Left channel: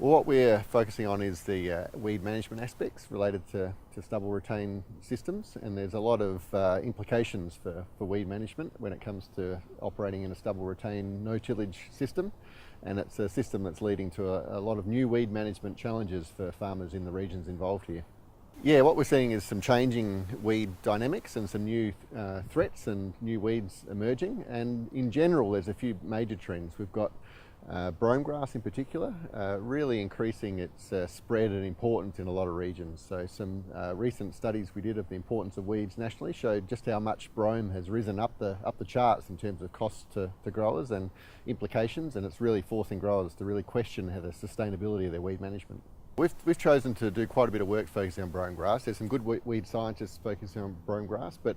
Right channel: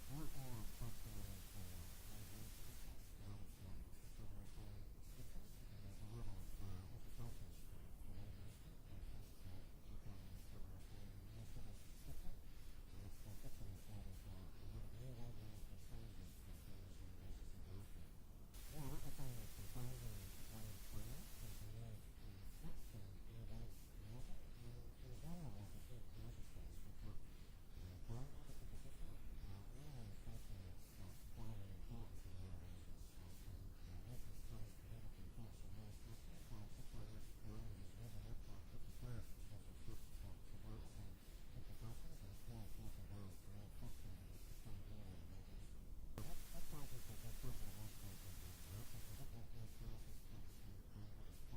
Well, what we're focusing on is the weed management aspects related to stubble retain systems, and there's a lot of implications for weed management when it comes to operating in a stubble retain no tillage system, and it's a system that's leading to a lot of new weed management challenges for farmers in the regions involved here. Yeah, what we're seeing is some changing weed dynamics and some new threats and new weeds emerging, and in general there's a few major trends. We've got brome grass in particular, really increasing its spread and importance in a lot of regions. So some recent studies we did of the importance of weeds nationally showed just how much brome has risen up the charts in terms of cost to growers and implications, and it's really forcing growers to really question how the sustainability of their weed management. We've chosen to do quite a bit of work focusing on brome grass. There's some good weed scientists focusing on brome grass, but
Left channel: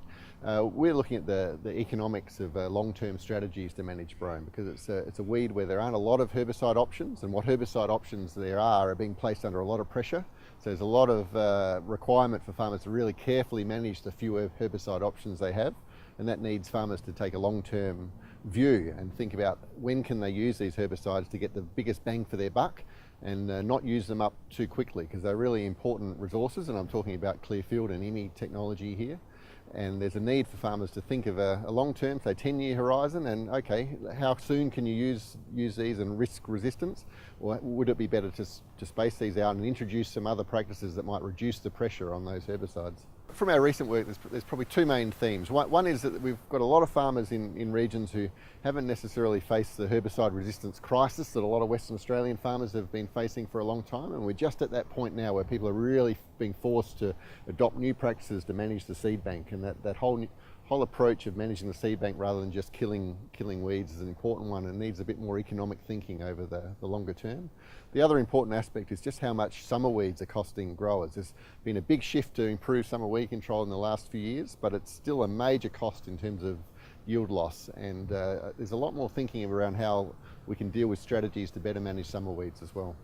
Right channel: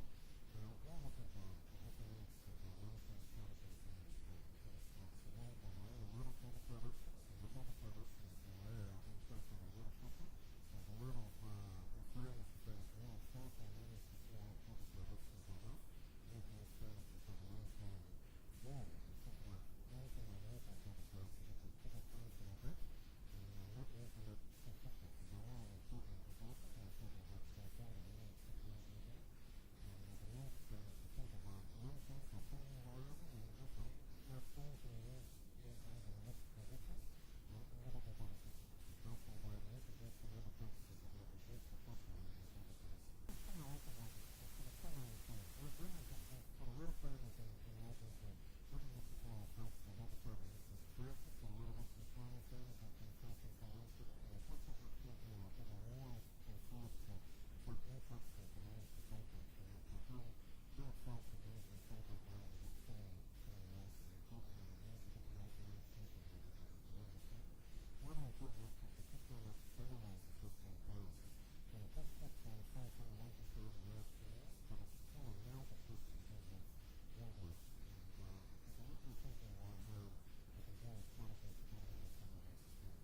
we're looking at the economics of long-term strategies to manage brome, because it's a weed where there aren't a lot of herbicide options, and what herbicide options there are being placed under a lot of pressure. So there's a lot of requirement for farmers to really carefully manage the few herbicide options they have, and that needs farmers to take a long-term view and think about when can they use these herbicides to get the biggest bang for their buck, and not use them up too quickly, because they're really important resources, and I'm talking about Clearfield and IMI technology here. And there's a need for farmers to think of a long-term, say 10-year horizon, and okay, how soon can you use these and risk resistance? Or would it be better to space these out and introduce some other practices that might reduce the pressure on those herbicides? From our recent work, there's probably two main themes. One is that we've got a lot of farmers in regions who haven't necessarily faced the herbicide resistance crisis that a lot of Western Australian farmers have been facing for a long time, and we're just at that point now where people are really being forced to adopt new practices to manage the seed bank, and that whole approach of managing the seed bank rather than just killing weeds is an important one, and needs a bit more economic thinking over the longer term. The other important aspect is just how much summer weeds are costing growers. There's been a big shift to improve summer weed control in the last few years, but it's still a major cost in terms of yield loss, and there's a lot more thinking around how we can deal with strategies to better manage summer weeds as well.